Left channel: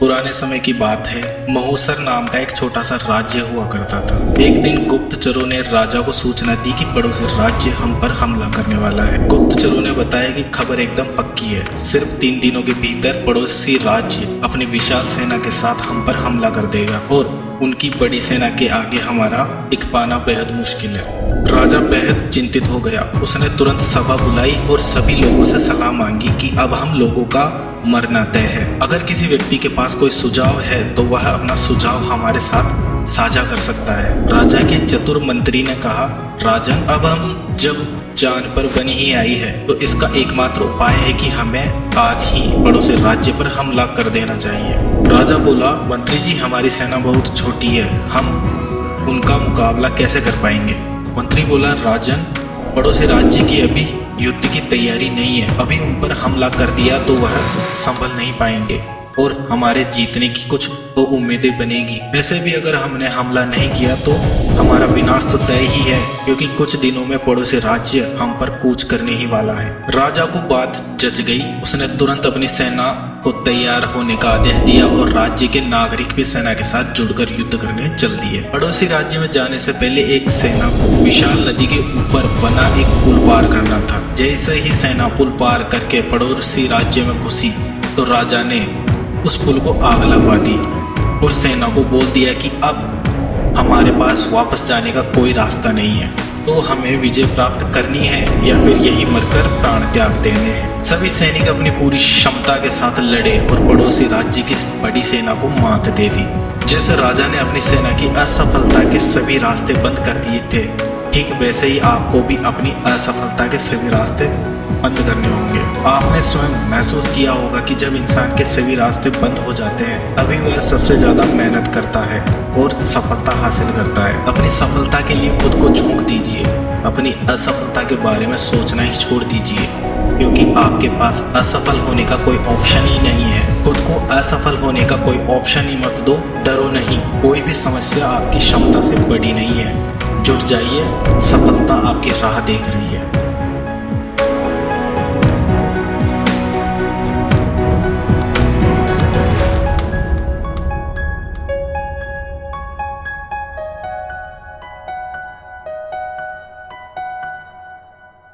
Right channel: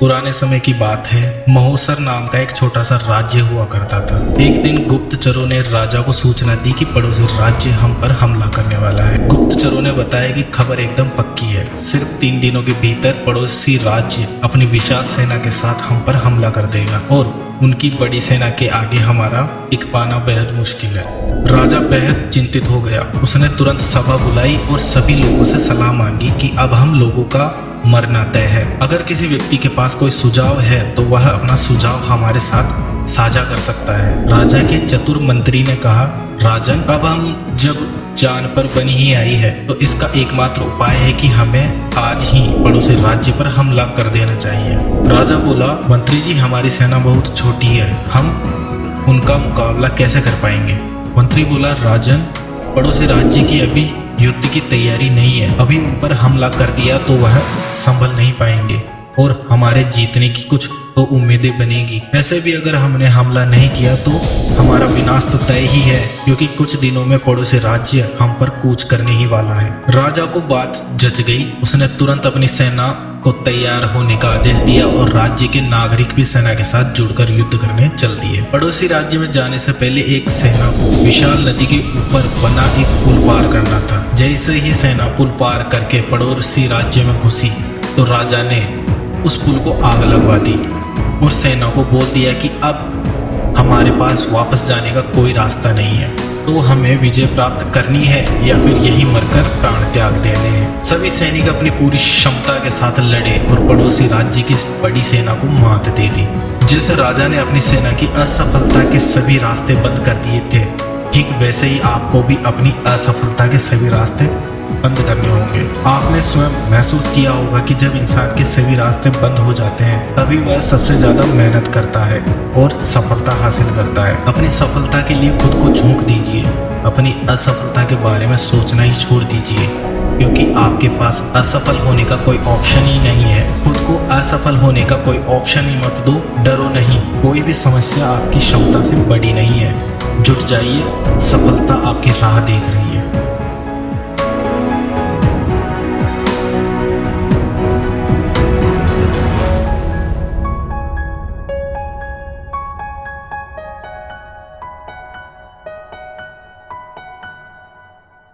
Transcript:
पुराने समय की बात है। महोसर नाम का एक छोटा सा राज्य हुआ करता था। एक दिन गुप्तचरों ने राजा को सूचना दी कि पड़ोसी राज्य हम पर हमला करने वाला है। गुप्तचरों ने बताया कि खबर एकदम पक्की है, सिर्फ 3 दिनों के भीतर पड़ोसी राज्य अपनी विशाल सेना के साथ हम पर हमला कर देगा और उनकी बड़ी सेना के आगे हमारा टिक पाना बेहद मुश्किल है। राजा बेहद चिंतित हो गया। उसने तुरंत सभा बुलाई और सभी लोगों से सलाह मांगी कि अब हम लोगों का मरना तय है। अगर किसी व्यक्ति के पास कोई सुझाव है तो वह अपना सुझाव हमारे साथ साझा कर सकता है। राजा के चतुर मंत्री ने कहा, राजन, अब हम जब जान पर बनी ही आई है तो इसका एकमात्र उपाय है कि हमें आज ही पड़ोसी राज्य पर हमला कर देना चाहिए। राजा बोला, मंत्री जी, हमारी सेना बहुत छोटी है, हम उनका मुकाबला कैसे कर पाएंगे? मंत्री बोला, राजन, पड़ोसी राज्य की अभी युद्ध की तैयारी नहीं है। अभी उन पर हमला कर दिया तो वह संभल नहीं पाएंगे और हमारे जीतने की कुछ तो उम्मीदें बनेगी। ऐसे भी अगर हमने हमला नहीं किया तो हमारा विनाश तो तय ही है, क्योंकि कुछ दिनों में पड़ोसी राज्य हम पर कूच करने ही वाला है। राजा को बात जच गई। उसने तुरंत अपनी सेना को तैयार होने का आदेश दिया और राज्य के नागरिक भी सेना के साथ जुड़कर युद्ध करने चल दिए। पड़ोसी राज्य में जाने से पहले एक सेना को विशाल नदी के ऊपर बना एक पुल पार करना था। जैसे ही सेना पुल पार करके पड़ोसी राज्य में घुसी तो राजा ने उस पुल को आग लगवा दी और सेना को बोल दिया कि अब हमारे पास वापस जाने का कोई रास्ता नहीं है, तो हमें विजय प्राप्त करनी है या फिर यही मरकर प्राण त्याग देने हैं। सभी सैनिक अपनी पूरी क्षमता के साथ लड़े और पड़ोसी राज्य की बड़ी सेना को मात दे दी। जैसे राजा ने अपनी सेना की असफलता के सभी रास्ते बंद कर दिए थे, ठीक वैसे ही आपको भी अपनी असफलता के सभी रास्ते बंद करने होंगे। आपने स्वयं महसूस किया होगा कि जब इंसान के सभी रास्ते बंद हो जाते हैं तभी वह सबसे ज्यादा मेहनत करता है और सफलता हासिल करता है। अपनी सफलता के लिए खुद को झोंक दीजिए, अपनी असफलता के बारे में सोचना ही छोड़ दीजिए, क्योंकि आपके पास असफल होने का कोई ऑप्शन ही नहीं है। खुद को असफल होने का कोई ऑप्शन ही मत दो। डरो नहीं, कोई भी समस्या आपकी क्षमता से बड़ी नहीं है। जुट जाइए, सफलता आपकी राह देख रही है।